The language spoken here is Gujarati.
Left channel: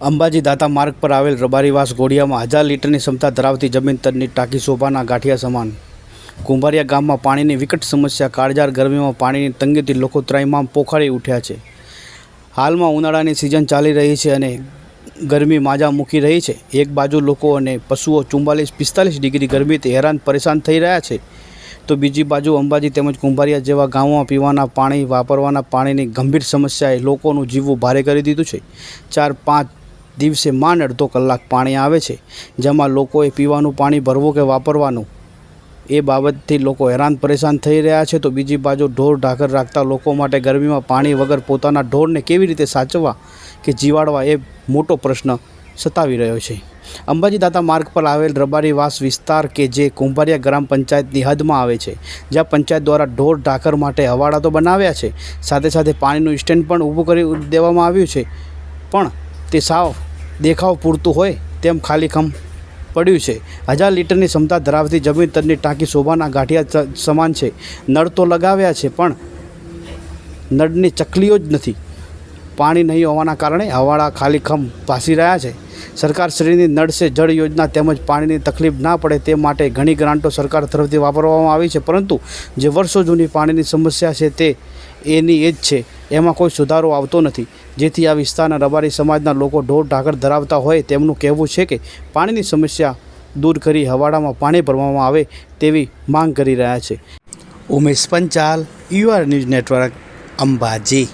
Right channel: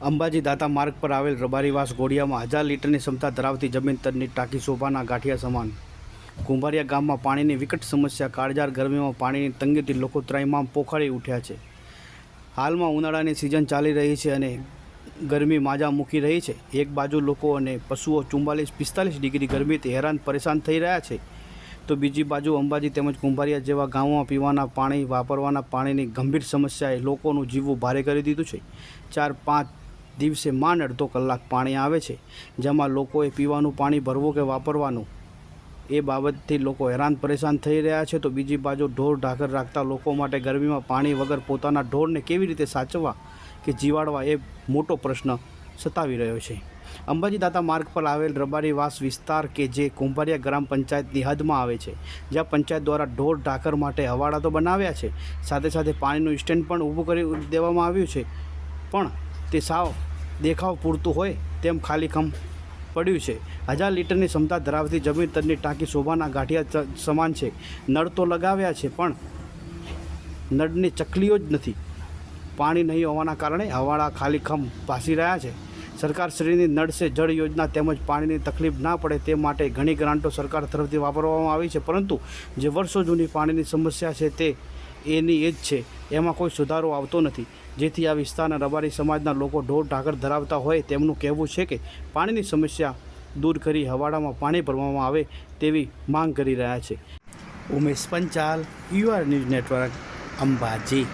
અંબાજી દાતા માર્ગ પર આવેલ રબારીવાસ ઘોડિયામાં 1000 લીટરની ક્ષમતા ધરાવતી જમીન તરની ટાંકી શોભાના ગાંઠિયા સમાન। કુંભારિયા ગામમાં પાણીની વિકટ સમસ્યા। કાળઝાળ ગરમીમાં પાણીની તંગીથી લોકો ત્રાહિમામ પોખાડી ઉઠ્યા છે। હાલમાં ઉનાળાની સિઝન ચાલી રહી છે અને ગરમી માજા મૂકી રહી છે। એક બાજુ લોકો અને પશુઓ 44-45 ડિગ્રી ગરમીથી હેરાન પરેશાન થઈ રહ્યા છે, તો બીજી બાજુ અંબાજી તેમજ કુંભારિયા જેવા ગામોમાં પીવાના પાણી, વાપરવાના પાણીની ગંભીર સમસ્યાએ લોકોનું જીવવું ભારે કરી દીધું છે। 4-5 દિવસે માંડ અડધો કલાક પાણી આવે છે, જેમાં લોકોએ પીવાનું પાણી ભરવું કે વાપરવાનું એ બાબતથી લોકો હેરાન પરેશાન થઈ રહ્યા છે। તો બીજી બાજુ ઢોર ઢાકર રાખતા લોકો માટે ગરમીમાં પાણી વગર પોતાના ઢોરને કેવી રીતે સાચવવા કે જીવાડવા એ મોટો પ્રશ્ન સતાવી રહ્યો છે। અંબાજી દાતા માર્ગ પર આવેલ રબારીવાસ વિસ્તાર કે જે કુંભારિયા ગ્રામ પંચાયતની હદમાં આવે છે, જ્યાં પંચાયત દ્વારા ઢોર ઢાકર માટે હવાડા તો બનાવ્યા છે, સાથે સાથે પાણીનું સ્ટેન્ડ પણ ઊભું કરી દેવામાં આવ્યું છે, પણ તે સાવ દેખાવ પૂરતું હોય તેમ ખાલીખમ પડ્યું છે। 1000 લીટરની ક્ષમતા ધરાવતી જમીન તરની ટાંકી શોભાના ગાંઠિયા સમાન છે। નળ તો લગાવ્યા છે, પણ નળની ચકલીઓ જ નથી। પાણી નહીં હોવાના કારણે હવાડા ખાલીખમ ભાસી રહ્યા છે। સરકારશ્રીની નળ સે જળ યોજના તેમજ પાણીની તકલીફ ના પડે તે માટે ઘણી ગ્રાન્ટો સરકાર તરફથી વાપરવામાં આવી છે, પરંતુ જે વર્ષો જૂની પાણીની સમસ્યા છે તે એની એ જ છે, એમાં કોઈ સુધારો આવતો નથી, જેથી આ વિસ્તારના રબારી સમાજના લોકો ઢોર ઢાકર ધરાવતા હોય તેમનું કહેવું છે કે પાણીની સમસ્યા દૂર કરી હવાડામાં પાણી ભરવામાં આવે તેવી માંગ કરી રહ્યા છે। Umesh Panchal, UR news network, Ambaji.